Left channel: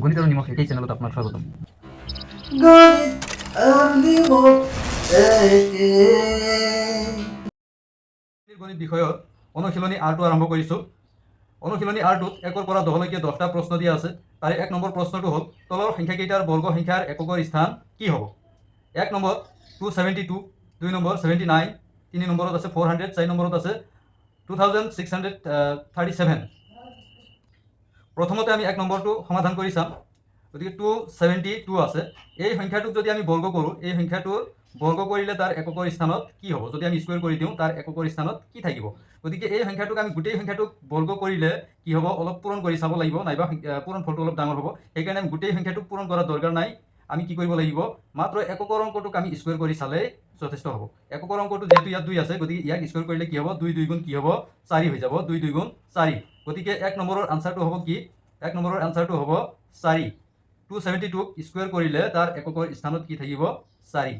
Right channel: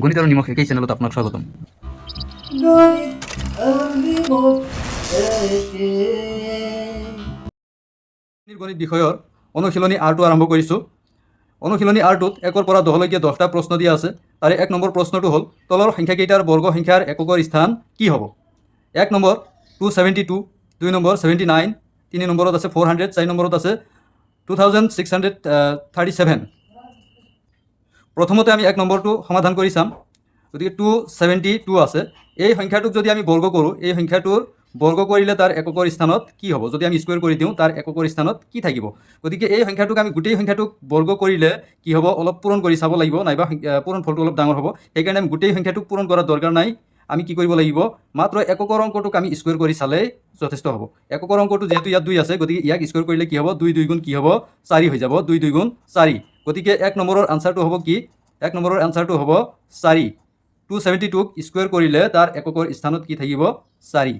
গণিত আৰু নিমখ একেই চেনেলত আপোনাক স্বাগতম। গণিত বিষয়ৰ অনুশীলনী আৰটো আৰম্ভ কৰিছোঁ। অনুশীলনী আৰটোত 1ৰ পৰা 10লৈকে 10টা প্ৰশ্ন দিয়া আছে। তাৰে 1 নম্বৰ প্ৰশ্নটো হ'ল তলৰ সংখ্যাকেইটাৰ বৰ্গ সংখ্যাৰ এককৰ স্থান কি হ'ব? 1 নম্বৰ 272, 2 নম্বৰ 79, 3 নম্বৰত আছে 400, 4 নম্বৰত আছে 2637। প্ৰথমতে আমি 1 নম্বৰটো সমাধান কৰি চাম। গতিকে 272 আছে। এই সংখ্যাটোক যদি আমি বৰ্গ কৰোঁ, এই সংখ্যাটোৰ বৰ্গ কৰিলে তাৰ এককৰ স্থানত কি হ'ব? যদি আমি স্কুৱেৰ কৰি দিওঁ তাৰ এককৰ স্থানত কি থাকিব? গতিকে এই সংখ্যাটোক আমি গোটেই সংখ্যাটোক বৰ্গ কৰিলে কি হ'ব? অলপ পূৰণ কৰি চাব লাগিব, নাইবা পূৰণ ফলটো অলপ ডাঙৰ হ'ব। সেইকাৰণে আমি গোটেই সংখ্যাটোক পূৰণ কৰাৰ দৰকাৰ নাই। আমি কি কৰিব লাগিব? মাত্ৰ এককৰ অংকটোক আমি স্কুৱেৰ কৰি চালেই যথেষ্ট হ'ব। এককৰ অংকটো যিহেতু ইয়াত 2 আছে, গতিকে ইয়াক স্কুৱেৰ কৰিলে কি হ'ব? 2 2 গুণ কি হ'ব? 4 হৈ যাব। 2 2 গুণ 4। গতিকে 1 নম্বৰৰ আনচাৰটো হ'ব কি? 1 নম্বৰৰ আনচাৰটো হ'ব 4। 272ক স্কুৱেৰ কৰিলে তাৰ এককৰ স্থানত কি থাকিব? 4।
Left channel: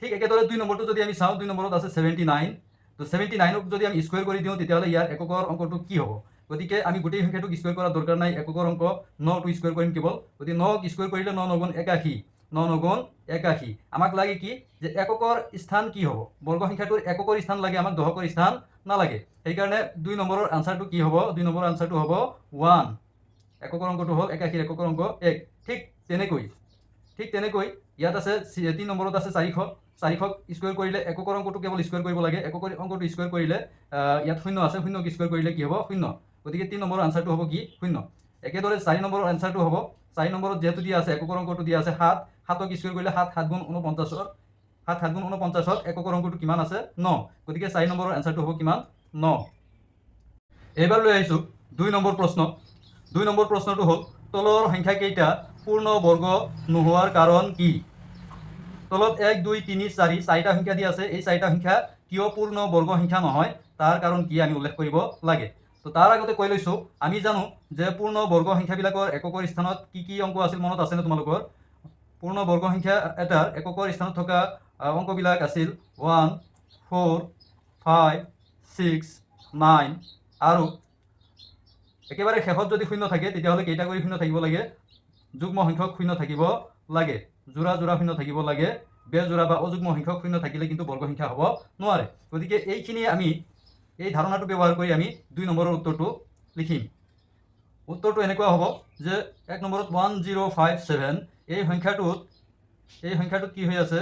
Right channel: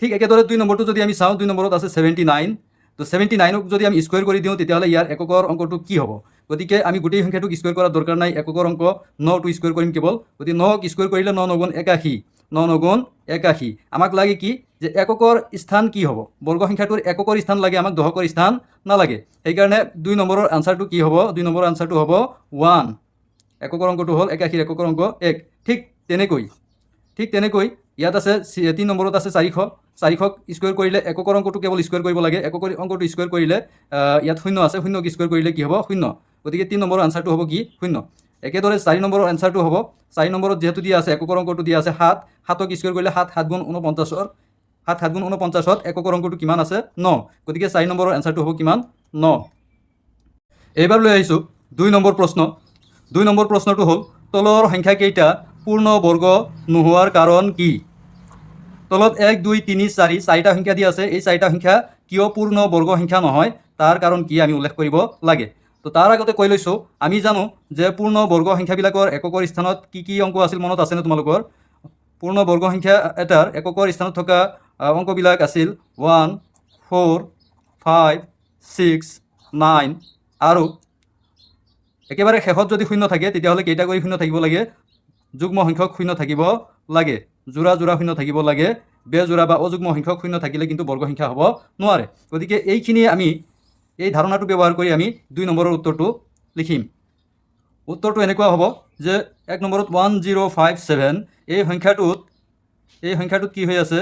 ঠিক একেদৰে 2 নম্বৰটো যদি আমি চাওঁ, 2 নম্বৰত আছে 79। তো 79ক যদি আমি স্কুৱেৰ কৰি দিওঁ তেতিয়াহ'লে ইয়াৰ এককৰ অংকটো কি হ'ব? গতিকে আমি গোটেই সংখ্যাটোক স্কুৱেৰ কৰাৰ দৰকাৰ নাই। এককৰ অংক 9টো স্কুৱেৰ কৰিম কেৱল। গতিকে 9ক স্কুৱেৰ কৰিলে 9 9 গুণ 81। 9 9 গুণ 81। আমাক লাগে কি? যে এককৰ স্থান কি হ'ব? বৰ্গ সংখ্যাটোৰ এককৰ স্থান লাগে, আমাক দশকৰ স্থান নালাগে। সেইকাৰণে 2 নম্বৰৰ আনচাৰটো কি হ'ব? 2 নম্বৰৰ আনচাৰটো হ'ব 1। এককৰ অংকটো হ'ল 81, এককৰ অংক 1। ঠিক তেনেকৈ ইয়াত আছে 3 নম্বৰত আছে 400। 400ক স্কুৱেৰ কৰিলে এককৰ অংকটো কেৱল স্কুৱেৰ কৰিব লাগে। এককৰ অংকটো স্কুৱেৰ কৰিলে ইয়াত 0 আছে, 0ক স্কুৱেৰ কৰিলে কি হ'ব? 0। গতিকে 3 নম্বৰৰ আনচাৰটো হ'ব কি? 0। একেদৰে 4 নম্বৰৰ আনচাৰটো হ'ব, 4 নম্বৰত যিহেতু দিয়া আছে এককৰ অংকটো দিয়া আছে 7। 7ক স্কুৱেৰ কৰিলে 7 7 গুণ 49। 7 7 গুণ 49ত এককৰ অংকটো কিমান আছে? 9। গতিকে 4 নম্বৰৰ আনচাৰটো হ'ব কিমান? 9। এইবাৰ লৈ আহিছোঁ 2 নম্বৰ প্ৰশ্ন। 2 নম্বৰ প্ৰশ্নটো হ'ল তলৰ সংখ্যাকেইটা পূৰ্ণ বৰ্গ নোহোৱাৰ কাৰণ কি? তলত 1 2 3 4 4টা সংখ্যা দিয়া আছে। এই 4টা সংখ্যা কিয় পূৰ্ণ বৰ্গ সংখ্যা নহয়, তাৰ কাৰণ কি আমি উল্লেখ কৰিব লাগে। তো তাৰ আগতে কৈ লৈছোঁ, আমি জানো যে পূৰ্ণ বৰ্গ সংখ্যাবিলাকৰ এককৰ স্থানত কি কি অংক আছিল মনত আছেনে তোমালোকৰ? পূৰ্ণ বৰ্গ সংখ্যা এটাৰ এককৰ স্থানত থকা অংকবিলাক আছিল 1 4 5 6 9 আৰু একেবাৰে শেষত যদি 0 থাকে তেতিয়াহ'লে কেইটা কৰি 0 থাকিব লাগে? যুগ্ম সংখ্যক 0 থাকিব লাগে, যোৰা যোৰা 0 থাকিব লাগে। বেজোৰা বা অযুগ্ম সংখ্যক 0 থাকিলে কিন্তু বৰ্গ সংখ্যা হ'ব নোৱাৰে। গতিকে এইখিনিয়ে আমি এই ধাৰণাটো ব্যৱহাৰ কৰি আমি 2 নম্বৰৰ উত্তৰটো লিখিম। উত্তৰটো এনেকুৱা হ'ব যে 1 নম্বৰত 1057 এই সংখ্যাটোত কি হৈ আছে?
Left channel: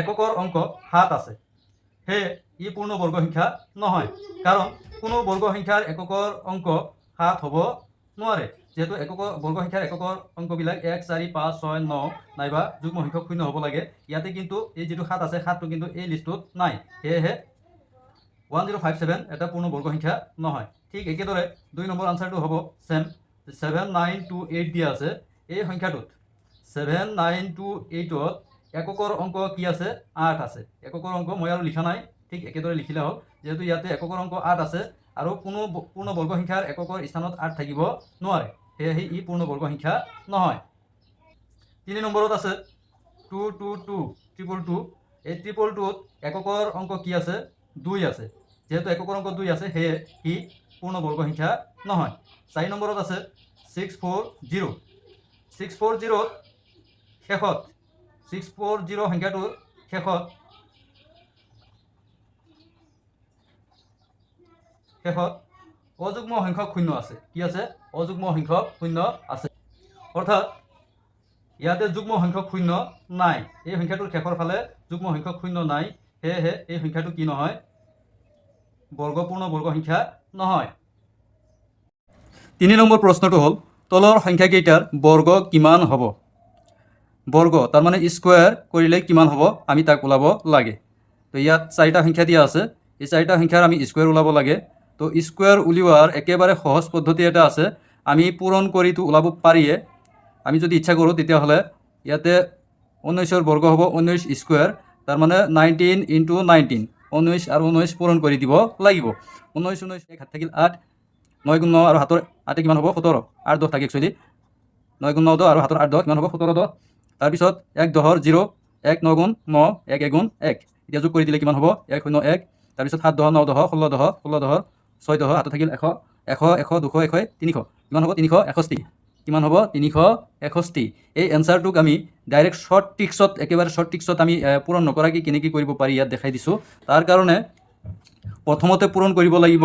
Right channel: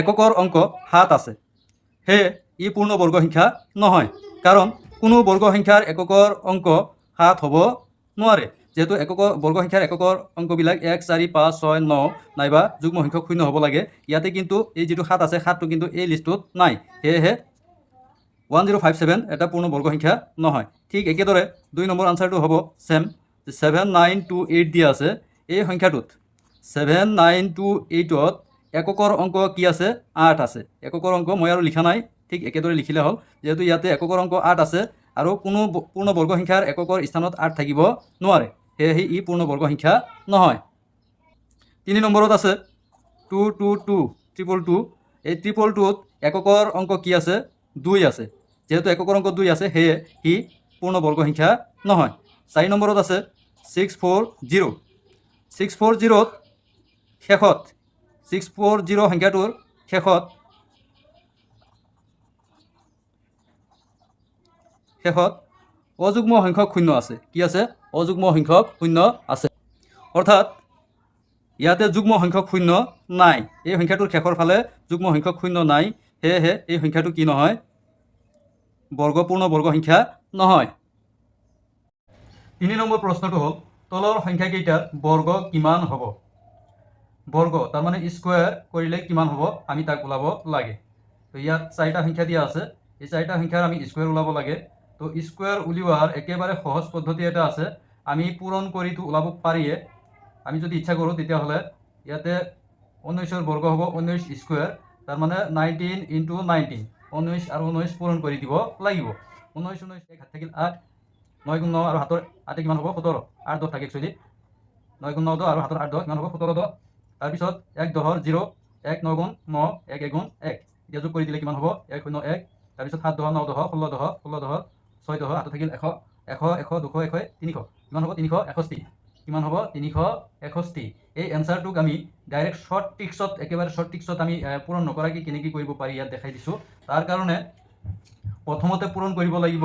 এককৰ অংক 7 আছে। সেয়ে ই পূৰ্ণ বৰ্গ সংখ্যা নহয়, কাৰণ কোনো বৰ্গ সংখ্যাৰ এককৰ অংক 7 হ'ব নোৱাৰে। যেহেতু বৰ্গ সংখ্যাৰ এককৰ অংকবিলাক 1 4 5 6 9 নাইবা যুগ্ম সংখ্যক 0 হ'ব লাগে। ইয়াতে কিন্তু এই যিটো 7 আছে, 7টো কিন্তু এই লিষ্টটোত নাই। সেয়েহে 1057 এটা পূৰ্ণ বৰ্গ সংখ্যা নহয়। ঠিক একেদৰে 2 নম্বৰ আনচাৰটো হ'ব চেম। 7928 দিয়া আছে। এই সংখ্যাটোত 7928ত এককৰ অংক কি আছে? 8 আছে। এককৰ অংক মই আৰু লিখা নাই, ঠিক একেদৰে লিখিলে হ'ল। যেহেতু ইয়াতে এককৰ অংক 8 আছে আৰু কোনো পূৰ্ণ বৰ্গ সংখ্যাৰ এককৰ স্থানত 8 থাকিব নোৱাৰে, সেয়েহে ই পূৰ্ণ বৰ্গ সংখ্যা নহয়। 3 নম্বৰত আছে 222। এই 222ত এককৰ অংক কি আছে? 2 আছে। যেহেতু এককৰ অংক 2 আছে, সেয়ে ই পূৰ্ণ বৰ্গ সংখ্যা নহয়। 4 নম্বৰত আছে 640। 640ত শেষত 640 সংখ্যাটোৰ শেষত অযুগ্ম সংখ্যক 0 আছে। কি আছে? অযুগ্ম সংখ্যক 0 আছে। অৰ্থাৎ ইয়াতে যুগ্ম সংখ্যক 0 নাই। এই সংখ্যাটোৰ শেষৰ ফালে যুগ্ম সংখ্যক 0 নাই, সেয়েহে এই সংখ্যাটো কি নহয়? পূৰ্ণ বৰ্গ সংখ্যা নহয়। 3 নম্বৰ প্ৰশ্নটো হ'ল তলৰ সংখ্যাকেইটাৰ বৰ্গ কিমান হ'ব? বৰ্গ তাৰমানে স্কুৱেৰ কৰিলে কিমান হ'ব আমি তাক ওলাব লাগে। তো ইয়াত 4টা সংখ্যা দিয়া আছে। এই 4টা সংখ্যাৰ আমি স্কুৱেৰ ওলাব লাগে। তো স্কুৱেৰ উলিওৱাৰ একেবাৰে সহজ পদ্ধতি এটা আছে। আমি পূৰণ কৰিটো ওলাব পাৰিয়ে। আমি যদি ইচ্ছা কৰোঁ তেতিয়াহ'লে ইয়াতে 19ৰ বৰ্গ হ'ব 19 স্কুৱেৰ, তাৰমানে 19 × 19। 19 আৰু 19 পূৰণ কৰি দিব লাগিব। 19 19 1 হাত থাকিল 8, 9 গুণ 9 আৰু হাতৰ 8 কিমান হ'ব? 17। 8 10 থাকে একচুৱেলি। 9 গুণ 9 10 আৰু হাতৰ 8 10 কিমান হ'ব? 17 10। তাৰপিছত 1 10 0, 1 9 গুণ 9, 1 1 গুণ 1। এতিয়া যোগ কৰি দিলে কিমান হ'ব? 1 0 1। তাৰপিছত 7 10 9 10 16 10 16 10 6 10 হাতত থাকিল 100 100 100 200 100 300 কিমান হ'ব? 361। কিমান হ'ব 361। এই এনচাৰটোক আমি ডাইৰেক্ট শ্বৰ্ট ট্ৰিক্সত একেবাৰে শ্বৰ্ট ট্ৰিক্সত আমি পূৰণ নকৰাকৈ কেনেকৈ কৰিব পাৰি ইয়াত দেখাই দিছোঁ। তাৰ কাৰণে প্ৰথমতে পূৰণ কৰিব লাগিব,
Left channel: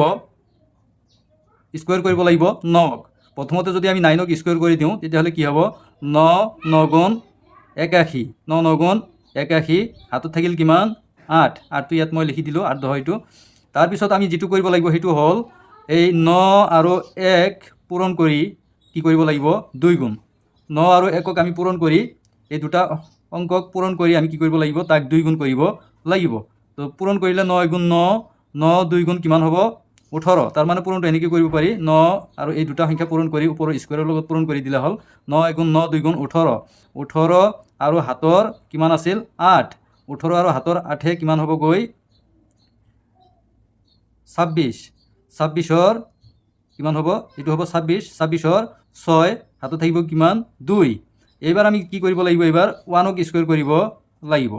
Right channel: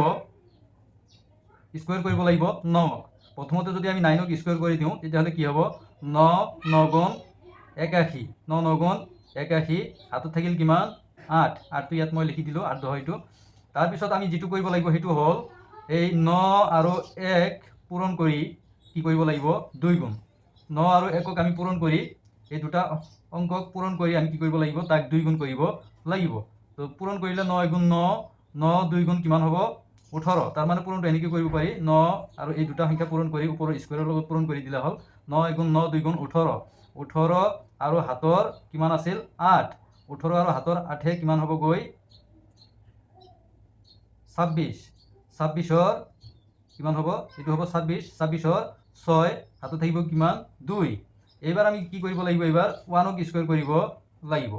স্কুৱেৰ কৰিব লাগিব 9। প্ৰথমতে যদি আমি 9ক স্কুৱেৰ কৰি দিওঁ তেতিয়াহ'লে কি হ'ব 9 9 গুণ 81, 9 9 গুণ 81, হাতত থাকিল কিমান 8, 8টো ইয়াত মই লিখি দিলোঁ 8 10 এইটো। তাৰপিছত আমি যিটো কৰিব লাগিব সেইটো হ'ল এই 9 আৰু 1 পূৰণ কৰি কি কৰিব লাগিব 2 গুণ। 9 আৰু 1ক আমি পূৰণ কৰি এই দুটা অংকক পূৰণ কৰি আমি কি কৰিব লাগিব তাক 2 গুণ কৰিব লাগিব। তো পূৰণ কৰিলে 9 গুণ 9, 9 2 গুণ কিমান হ'ব 18। তাৰ মানে পূৰণটো এনেকৈ কৰিব পাৰি 9 আৰু এই দুটা সংখ্যা পূৰণ কৰি ওপৰৰ স্কুৱেৰৰ লগত পূৰণ কৰি দিলে হ'ল 9 গুণ 9 2 গুণ 18, 18 আৰু হাতৰ কিমান আছিল 8, 18 আৰু হাতৰ 8 কিমান হ'ব গৈ 26, 26ৰ কিমান হ'ব এইটো হ'ব 26, 26ৰ 6 হাতত থাকিব কিমান 2। এইবাৰ আমি কি কৰিব লাগিব, এইবাৰ 1ক স্কুৱেৰ কৰিব লাগিব।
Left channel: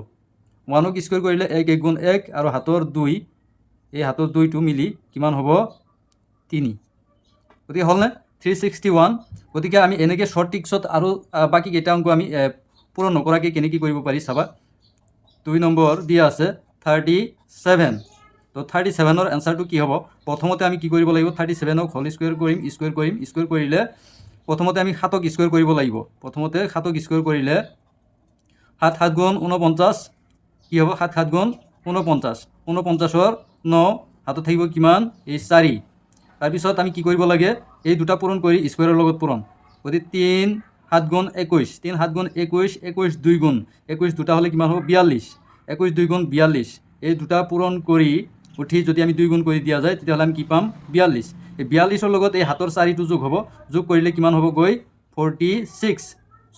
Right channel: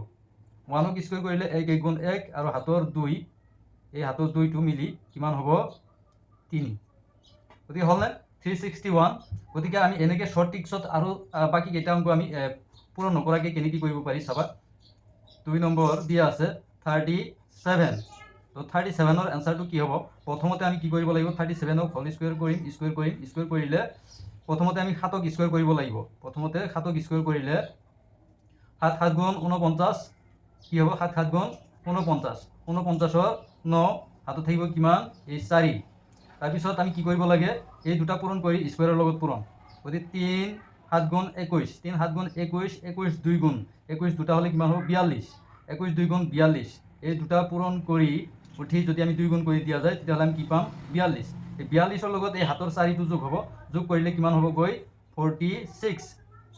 1ক স্কুৱেৰ কৰিলে 1 1 গুণ 1 আৰু হাতৰ 2, এই হাতৰ 2টো মিলি কিমান হ'ব 3। গতিকে হ'লনে 361। গতিকে আমি এনেকৈ শ্বৰ্ট ট্ৰিক্সত আৰু বাকী কেইটা অংক আমি পূৰণ নকৰাকৈ কেনেকৈ কৰিব পাৰি চাবা। 2 নম্বৰ দিয়া আছে 37। তো 37ৰ এনচাৰটো কি হ'ব, প্ৰথমতে আমি কি কৰিব লাগিব 37ক হোল স্কুৱেৰ কৰিম, স্কুৱেৰ কৰিলে প্ৰথমতে আমি 7ক স্কুৱেৰ কৰিব লাগিব। প্ৰথমতে 7ক স্কুৱেৰ কৰিলে 7 7 গুণ 49 কি হ'ব 7 7 গুণ 49, 49ৰ 9 হাতত থাকিব কিমান এই 4। তাৰপিছত আমি কি কৰিব লাগে এই দুটা পূৰণ কৰি স্কুৱেৰৰ লগত পূৰণ। গতিকে 3 7 গুণ 21, 3 7 গুণ 21, 21 2 গুণ 21 দুটা হ'লে কিমান হ'ব 42, 21 2 গুণ 42। এই দুটা পূৰণ কৰি উঠি যদি আমি 2 গুণ কৰি দিয়া যায় তেতিয়াহ'লে আমি কি পাম 42। এই 42ৰ লগত এই হাতৰ 4টো যোগ হ'ব, যোগ কৰিলে কিমান হ'ব গৈ 46,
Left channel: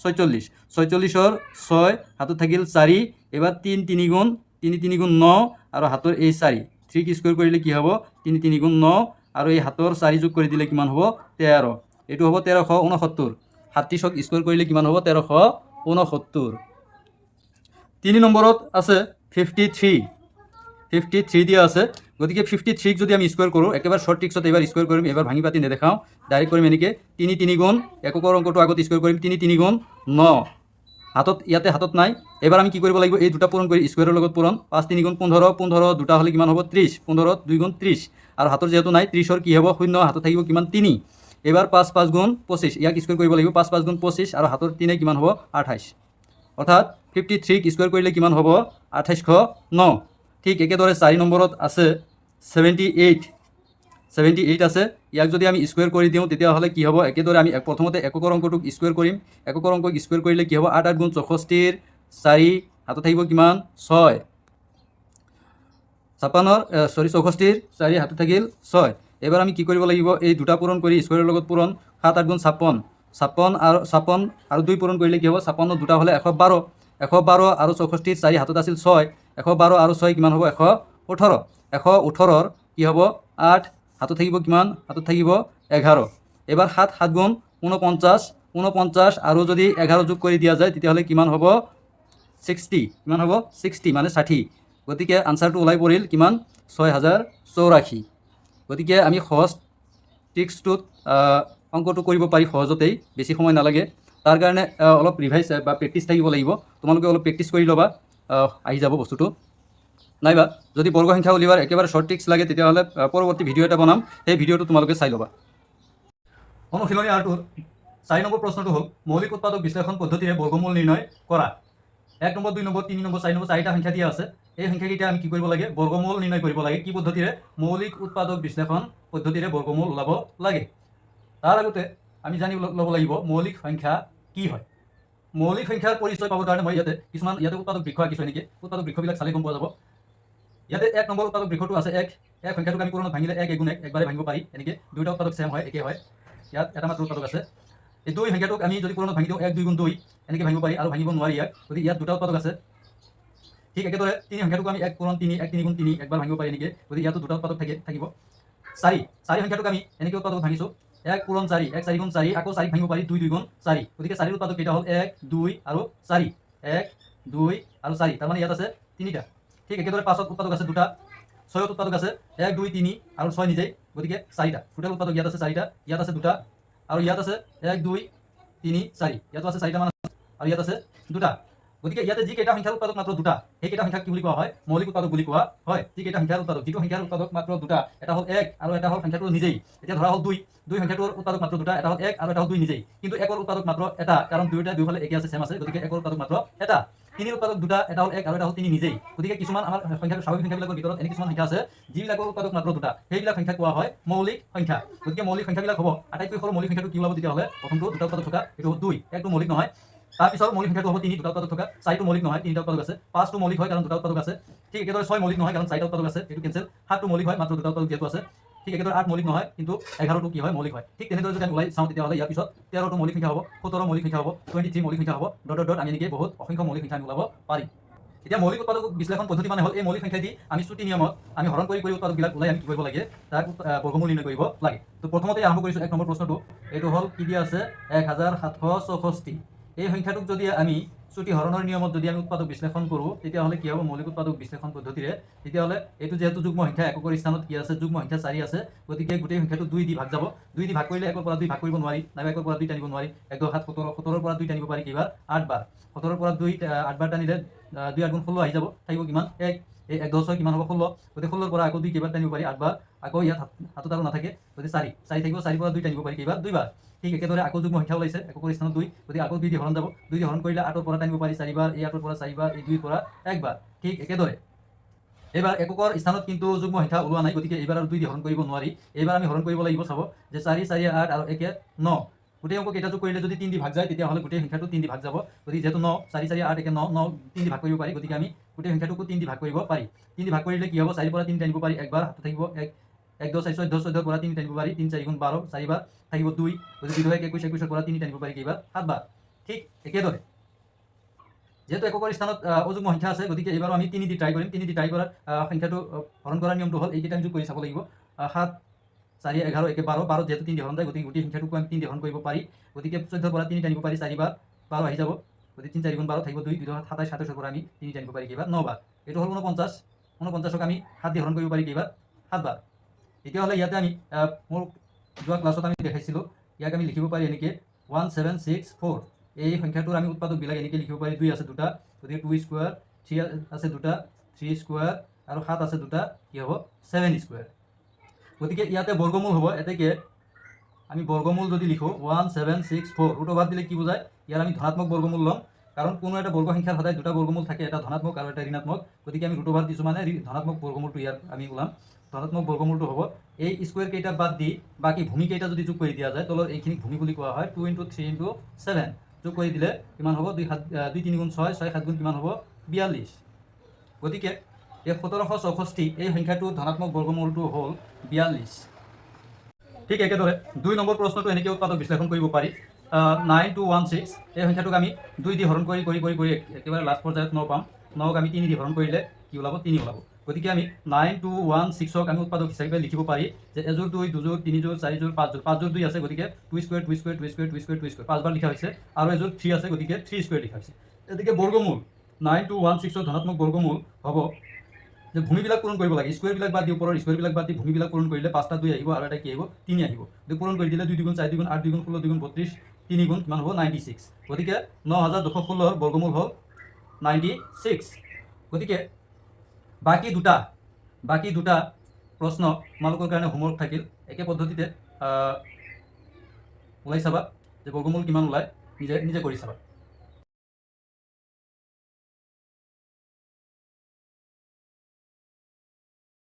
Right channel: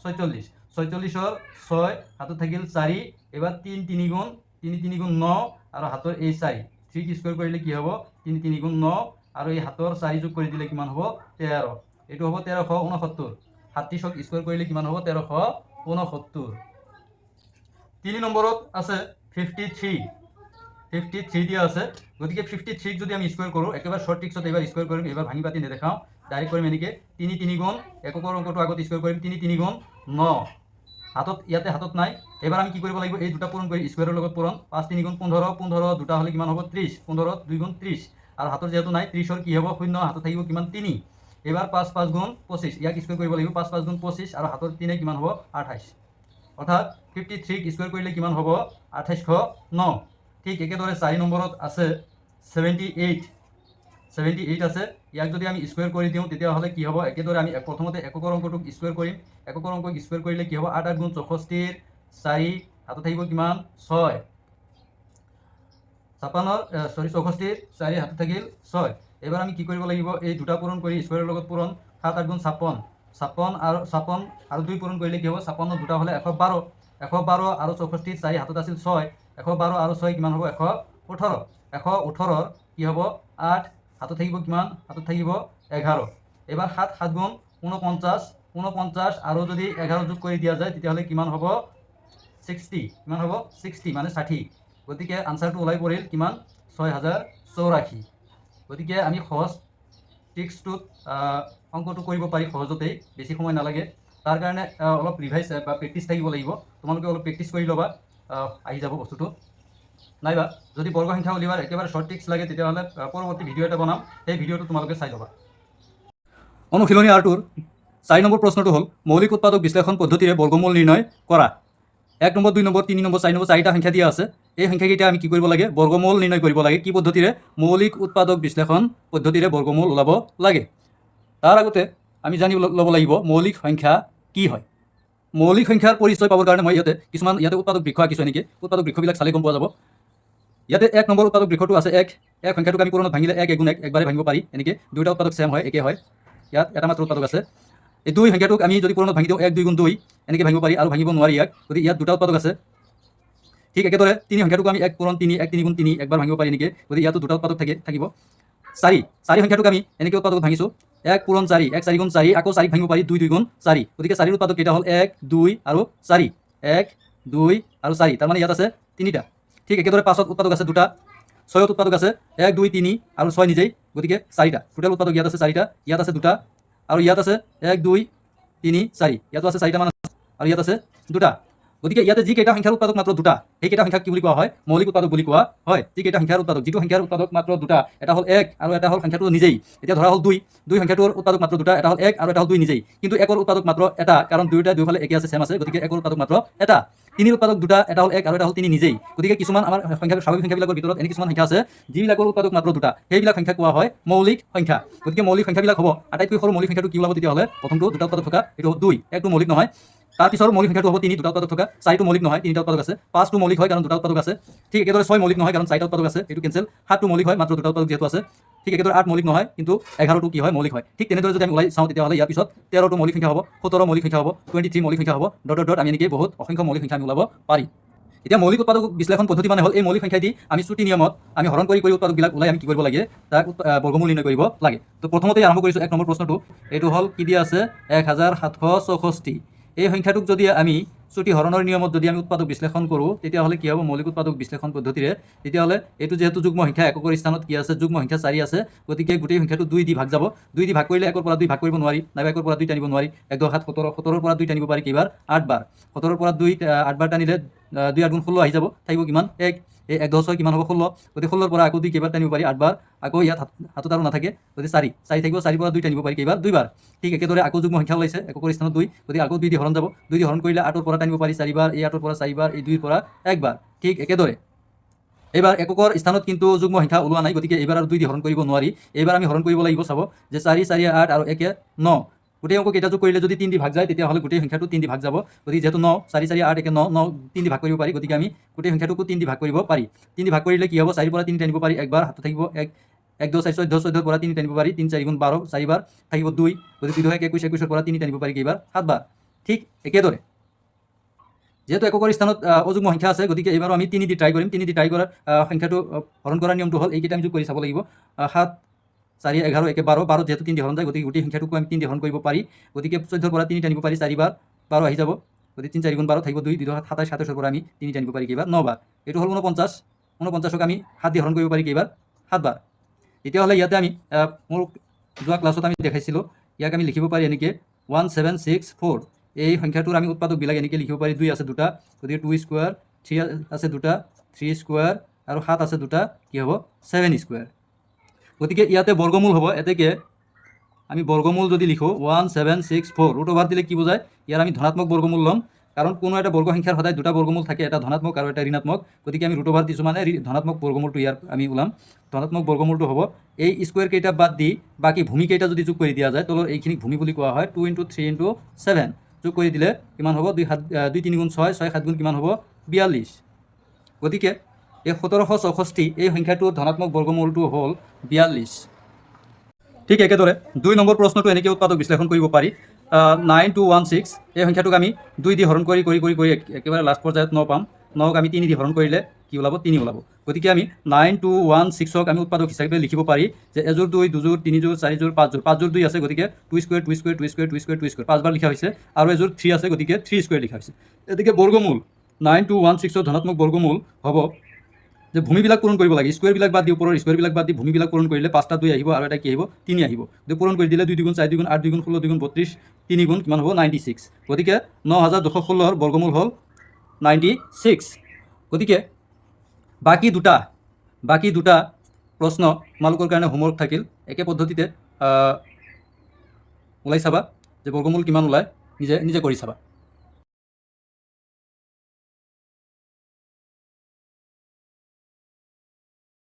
46, 46ৰ 6 হাতত থাকিল 4। এবাৰ 3 3 গুণ 3 3 গুণ 9 আৰু হাতৰ এই 4, 3ক স্কুৱেৰ কৰিলে কি হ'ব 3 3 গুণ 9 আৰু এই হাতৰ 4 যোগ কৰি দিলে কিমান হ'ব 13। এইটো হ'ব 1369। 37ক স্কুৱেৰ কৰিলে কিমান হ'ব 1369। 3 নম্বৰত আছে 53, 53 দিয়া আছে। গতিকে 53ক যদি আমি স্কুৱেৰ কৰোঁ একেবাৰে শ্বৰ্ট ট্ৰিক্সত এবাৰ স্কুৱেৰ কৰিম, এবাৰ ভাঙি পাতি নেদেখাওঁ, ডাইৰেক্ট কৰিম এনেকৈ 3 3 গুণ এককৰ অংকটো আগত স্কুৱেৰ কৰিম 3 3 গুণ 9, হাতত ইয়াতে হাতত নাই। এবাৰ আমি কি কৰিব লাগিব এই দুটা পূৰণ কৰি স্কুৱেৰৰ লগত পূৰণ 5 3 গুণ 15, 15 দুটা হ'লে কিমান হ'ব 30, 15 2 গুণ 30 আৰু হাতৰ যিহেতু নাই 30ৰ কি হ'ব 0, হাতত থাকিব কিমান 3। এবাৰ 5 5 গুণ 25, ইয়াক স্কুৱেৰ কৰিব লাগিব 5 5 গুণ 25 আৰু হাতৰ 3 কিমান হ'ব 28। অৰ্থাৎ 53ক স্কুৱেৰ কৰিলে কিমান হ'ব 2809। ঠিক একেদৰে 4 নম্বৰত আছে 78, 78 আছে। ইয়াক যদি আমি স্কুৱেৰ কৰি দিওঁ তেতিয়াহ'লে কি হ'ব, একেদৰে আমি প্ৰথমতে এককৰ অংকটোক স্কুৱেৰ কৰিম। এককৰ অংকক স্কুৱেৰ কৰিলে কি হ'ব 8 8 গুণ 64, 4 হাতত থাকিব কিমান 6, 64 4 হাতত থাকিল 6। এবাৰ আমি কি কৰিব লাগিব এই দুটা পূৰণ কৰি স্কুৱেৰৰ লগত পূৰণ 7 8 গুণ 56, 56 আৰু 2 পূৰণ কৰিলে কি হ'ব 56 দুটা হ'লে 112, 112 আৰু 64 4 হাতত আছিল 6, 112 আৰু 6 কিমান হ'ব 118, 118ৰ কি হ'ব 8 হাতত থাকিব কিমান হাতত থাকিব 11। এবাৰ 7 7 গুণ 49, 49 আৰু যদি 11 যোগ কৰি দিয়া যায় তেতিয়াহ'লে কিমান হ'ব 60, কিমান হ'ব 60 মানে 60। গতিকে আনচাৰটো ওলাই পৰিল কিমান 6084। গতিকে আমি সহজ ট্ৰিক্সটোত অংকটো কৰিব পাৰি সহজতেই, বেছি সময় নালাগে। তাৰ কাৰণে অলপ ৰিভাইজ বা প্ৰেক্টিছ থাকিব লাগিব। তোমালোকে অলপ প্ৰেক্টিছ কৰি ল'বা, আহি যাব বস্তুটো। নাইবা যদি বৰ্গ সংখ্যা উলিওৱাৰ একেবাৰে শ্বৰ্ট ট্ৰিক্স লাগে তেতিয়াহ'লে পৰৱৰ্তী ভিডিঅ' এটা বনাম, সেই ভিডিঅ'টো তোমালোকে চাই ল'বা। অনুশীলনী আৰটোৰ 4 নম্বৰ প্ৰশ্নটো হ'ল মৌলিক উৎপাদক বিশ্লেষণ পদ্ধতিৰে বৰ্গমূল নিৰ্ণয় কৰা। 1 নম্বৰ 2 নম্বৰ 3 নম্বৰ 4 নম্বৰ 4টা সংখ্যা দিয়া আছে। এই সংখ্যাকেইটা আমি কি কৰিব লাগে বৰ্গমূল নিৰ্ণয় কৰিব লাগে। কি পদ্ধতিৰে মৌলিক উৎপাদক বিশ্লেষণ পদ্ধতিৰে বৰ্গমূল ওলাব লাগে। তাৰ আগতে আমি জানি ল'ব লাগিব মৌলিক সংখ্যা কি হয়। মৌলিক সংখ্যাৰ পৰিচয় পাবৰ কাৰণে মই ইয়াতে উৎপাদক বৃক্ষ আঁকিছোঁ। এনেকৈ উৎপাদক বৃক্ষবিলাক চালে গম পোৱা যাব। ইয়াতে 1 নম্বৰ উৎপাদক বৃক্ষটো আছে 1 সংখ্যাটোক আমি পূৰণত ভাঙিলে 1 1 গুণ 1 একবাৰে ভাঙিব পাৰি। এনেকৈ দুটা উৎপাদক ছেম হয়, একে হয়। ইয়াত এটা মাত্ৰ উৎপাদক আছে। এই 2 সংখ্যাটোক আমি যদি পূৰণত ভাঙি দিওঁ 1 2 গুণ 2 এনেকৈ ভাঙিব পাৰি, আৰু ভাঙিব নোৱাৰি ইয়াক। গতিকে ইয়াত দুটা উৎপাদক আছে। ঠিক একেদৰে 3 সংখ্যাটোক আমি 1 পূৰণ 3 1 3 গুণ 3 একবাৰ ভাঙিব পাৰি এনেকৈ। গতিকে ইয়াতো দুটা উৎপাদক থাকিব। 4 সংখ্যাটোক আমি এনেকৈ উৎপাদক ভাঙিছোঁ 1 পূৰণ 4 1 4 গুণ 4, আকৌ 4 ভাঙিব পাৰি 2 2 গুণ 4। গতিকে 4ৰ উৎপাদক কেইটা হ'ল 1 2 আৰু 4, 1 2 আৰু 4, তাৰ মানে ইয়াত আছে 3টা। ঠিক একেদৰে 5ত উৎপাদক আছে 2টা, 6ত উৎপাদক আছে 1 2 3 আৰু 6 নিজেই। গতিকে 4টা টোটেল উৎপাদক ইয়াত আছে 4টা, ইয়াত আছে 2টা আৰু ইয়াত আছে 1 2 তিনি চাৰি, ইয়াতো আছে চাৰিটামান আৰু ইয়াত আছে দুটা। গতিকে ইয়াতে যিকেইটা সংখ্যাৰ উৎপাদক মাত্ৰ দুটা, সেইকেইটা সংখ্যাক কি বুলি কোৱা হয়? মৌলিক উৎপাদক বুলি কোৱা হয়। যিকেইটা সংখ্যাৰ উৎপাদক, যিটো সংখ্যাৰ উৎপাদক মাত্ৰ দুটা, এটা হ'ল 1 আৰু এটা হ'ল সংখ্যাটো নিজেই। এতিয়া ধৰা হ'ল 2, সংখ্যাটোৰ উৎপাদক মাত্ৰ দুটা, এটা হ'ল 1 আৰু এটা হ'ল 2 নিজেই। কিন্তু 1ৰ উৎপাদক মাত্ৰ এটা, কাৰণ দুয়োফালে একে আছে, চেম আছে, গতিকে 1ৰ উৎপাদক মাত্ৰ এটা। 3ৰ উৎপাদক দুটা, এটা হ'ল 1 আৰু এটা হ'ল 3 নিজেই। গতিকে কিছুমান আমাৰ সংখ্যা, স্বাভাৱিক সংখ্যাবিলাকৰ ভিতৰত এনে কিছুমান সংখ্যা আছে যিবিলাকৰ উৎপাদক মাত্ৰ দুটা, সেইবিলাক সংখ্যা কোৱা হয় মৌলিক সংখ্যা। গতিকে মৌলিক সংখ্যাবিলাক হ'ব, আটাইতকৈ সৰু মৌলিক সংখ্যাটো কি ওলাব তেতিয়াহ'লে? প্ৰথমটো দুটা উৎপাদক থকা, এইটো হ'ল 2, 1টো মৌলিক নহয়। তাৰপিছৰ মৌলিক সংখ্যাটো হ'ব 3, দুটা উৎপাদক থকা। 4টো মৌলিক নহয়, 3টা উৎপাদক আছে। 5টো মৌলিক হয়, কাৰণ দুটা উৎপাদক আছে। ঠিক একেদৰে 6 মৌলিক নহয়, কাৰণ 4টা উৎপাদক আছে, এইটো কেঞ্চেল। 7টো মৌলিক হয়, মাত্ৰ দুটা উৎপাদক যিহেতু আছে। ঠিক একেদৰে 8 মৌলিক নহয়, কিন্তু 11টো কি হয়? মৌলিক হয়। ঠিক তেনেদৰে যদি আমি ওলাই চাওঁ তেতিয়াহ'লে ইয়াৰ পিছত 13টো মৌলিক সংখ্যা হ'ব, 17 মৌলিক সংখ্যা হ'ব, 23 মৌলিক সংখ্যা হ'ব, ডট আমি এনেকৈ বহুত অসংখ্য মৌলিক সংখ্যা আমি ওলাব পাৰিম। এতিয়া মৌলিক উৎপাদক বিশ্লেষণ পদ্ধতি মানে হ'ল এই মৌলিক সংখ্যা দি আমি শ্ৰুতি নিয়মত আমি হৰণ কৰি উৎপাদকবিলাক ওলাই আমি কি কৰিব লাগে? তাৰ বৰ্গমূল নিৰ্ণয় কৰিব লাগে। তো প্ৰথমতে আৰম্ভ কৰিছোঁ 1 নম্বৰ প্ৰশ্নটো। এইটো হ'ল কি দিয়া আছে? 1764। এই সংখ্যাটোক যদি আমি শ্ৰুতি হৰণৰ নিয়মত যদি আমি উৎপাদক বিশ্লেষণ কৰোঁ তেতিয়াহ'লে কি হ'ব? মৌলিক উৎপাদক বিশ্লেষণ পদ্ধতিৰে তেতিয়াহ'লে এইটো যিহেতু যুগ্ম সংখ্যা, এককৰ স্থানত কি আছে? যুগ্ম সংখ্যা 4 আছে। গতিকে গোটেই সংখ্যাটো 2 দি ভাগ যাব। 2 দি ভাগ কৰিলে 1ৰ পৰা 2 ভাগ কৰিব নোৱাৰি, নাইবা 1ৰ পৰা 2 টানিব নোৱাৰি। 1 2 7 17, 17ৰ পৰা 2 টানিব পাৰি কেইবাৰ? 8 বাৰ। 17ৰ পৰা 2 8 বাৰ টানিলে 2 8 গুণ 16 আহি যাব, থাকিব কিমান? 1। এই 1 10 6 কিমান হ'ব? 16। গতিকে 16ৰ পৰা আকৌ 2 কেইবাৰ টানিব পাৰি? 8 বাৰ। আকৌ ইয়াত হাতত আৰু নাথাকে, গতিকে 4 থাকিব। 4ৰ পৰা 2 টানিব পাৰি কেইবাৰ? 2 বাৰ। ঠিক একেদৰে আকৌ যুগ্ম সংখ্যা ওলাইছে, এককৰ স্থানত 2, গতিকে আকৌ 2 দি হৰণ যাব। 2 দি হৰণ কৰিলে 8ৰ পৰা টানিব পাৰি 4 বাৰ, এই 8ৰ পৰা 4 বাৰ, এই 2ৰ পৰা 1 বাৰ। ঠিক একেদৰে এইবাৰ এককৰ স্থানত কিন্তু যুগ্ম সংখ্যা ওলোৱা নাই, গতিকে এইবাৰ আৰু 2 দি হৰণ কৰিব নোৱাৰি। এইবাৰ আমি হৰণ কৰিব লাগিব, চাব যে 4 4 8 আৰু 1 9। গোটেই অংক কেইটা যোগ কৰিলে যদি 3 দি ভাগ যায় তেতিয়াহ'লে গোটেই সংখ্যাটো 3 দি ভাগ যাব। গতিকে যিহেতু 9 4 4 8 1 9 9 3 দি ভাগ কৰিব পাৰি, গতিকে আমি গোটেই সংখ্যাটোকো 3 দি ভাগ কৰিব পাৰি। 3 দি ভাগ কৰিলে কি হ'ব? 4 পৰা 3 টানিব পাৰি 1 বাৰ, হাতত থাকিব 1 1 2 4 14, 14ৰ পৰা 3 টানিব পাৰি 3 4 গুণ 12, 4 বাৰ, থাকিব 2, গতিকে 2 1 21, 21ৰ পৰা 3 টানিব পাৰি কেইবাৰ? 7 বাৰ। ঠিক একেদৰে যেহেতু এককৰ স্থানত অযুগ্ম সংখ্যা আছে, গতিকে এইবাৰো আমি 3 দি ট্ৰাই কৰিম। 3 দি ট্ৰাই কৰাৰ সংখ্যাটো হৰণ কৰাৰ নিয়মটো হ'ল এইকেইটা আমি যোগ কৰি চাব লাগিব। 7 4 11 1 12, 12 যেহেতু 3 দি হৰণ যায়, গতিকে গোটেই সংখ্যাটোকো আমি 3 দি হৰণ কৰিব পাৰি। গতিকে 14ৰ পৰা 3 টানিব পাৰি 4 বাৰ, 12 আহি যাব। গতিকে 3 4 গুণ 12, থাকিব 2 2 27, 27ৰ পৰা আমি 3 টানিব পাৰি কেইবাৰ? 9 বাৰ। এইটো হ'ল 49, 49ক আমি 7 দি হৰণ কৰিব পাৰি কেইবাৰ? 7 বাৰ। তেতিয়াহ'লে ইয়াতে আমি মোৰ যোৱা ক্লাছত আমি দেখাইছিলোঁ, ইয়াক আমি লিখিব পাৰি এনেকৈ 1764। এই সংখ্যাটোৰ আমি উৎপাদকবিলাক এনেকৈ লিখিব পাৰি। 2 আছে দুটা, গতিকে 2 স্কোৱাৰ, 3 আছে দুটা, 3 স্কোৱাৰ, আৰু 7 আছে দুটা, কি হ'ব? 7 স্কোৱাৰ। গতিকে ইয়াতে বৰ্গমূল হ'ব, এতেকে আমি বৰ্গমূল যদি লিখোঁ 1764, ৰুট অভাৰ দিলে কি বুজায়? ইয়াৰ আমি ধনাত্মক বৰ্গমূল ল'ম, কাৰণ কোনো এটা বৰ্গ সংখ্যাৰ সদায় দুটা বৰ্গমূল থাকে, এটা ধনাত্মক আৰু এটা ঋণাত্মক। গতিকে আমি ৰুট অভাৰ দিছোঁ মানে ধনাত্মক বৰ্গমূলটো ইয়াৰ আমি ওলাম। ধনাত্মক বৰ্গমূলটো হ'ব এই স্কোৱাৰ কেইটা বাদ দি বাকী ভূমি কেইটা যদি যোগ কৰি দিয়া যায়, তলৰ এইখিনিক ভূমি বুলি কোৱা হয়। 2 × 3 × 7 যোগ কৰি দিলে কিমান হ'ব? 2 3 গুণ 6, 6 7 গুণ কিমান হ'ব? 42। গতিকে এই 1764 এই সংখ্যাটোৰ ধনাত্মক বৰ্গমূলটো হ'ল 42। ঠিক একেদৰে 2 নম্বৰ প্ৰশ্নটো এনেকৈ উৎপাদক বিশ্লেষণ কৰিব পাৰি। 9216 এই সংখ্যাটোক আমি 2 দি হৰণ কৰি একেবাৰে লাষ্ট পৰ্যায়ত 9 পাম। 9ক আমি 3 দি হৰণ কৰিলে কি ওলাব? 3 ওলাব। গতিকে আমি 9216ক আমি উৎপাদক হিচাপে লিখিব পাৰি যে এযোৰ 2, দুযোৰ, 3 যোৰ, 4 যোৰ, 5 যোৰ। 5 যোৰ 2 আছে, গতিকে 2 square 2 square 2 square 2 square 2 square 5 বাৰ লিখা হৈছে। আৰু এযোৰ 3 আছে, গতিকে 3 স্কোৱাৰ লিখা হৈছে। গতিকে বৰ্গমূল 9216ৰ ধনাত্মক বৰ্গমূল হ'ব যে ভূমিবিলাক পূৰণ কৰিব লাগে। স্কোৱাৰবিলাক বাদ দি, ওপৰৰ স্কোৱাৰবিলাক বাদ দি ভূমিবিলাক পূৰণ কৰিলে 5টা 2 আহিব, আৰু এটা কি আহিব? 3 আহিব। গতিকে পূৰণ কৰি দিলে 2 2 গুণ 4 2 গুণ 8 2 গুণ 16 2 গুণ 32, 3 গুণ কিমান হ'ব? 96। গতিকে 9216ৰ বৰ্গমূল হ'ল 96। গতিকে বাকী দুটা প্ৰশ্ন তোমালোকৰ কাৰণে হোমৱৰ্ক থাকিল। একে পদ্ধতিতে ওলাই চাবা যে বৰ্গমূল কিমান ওলায়, নিজে কৰি চাবা।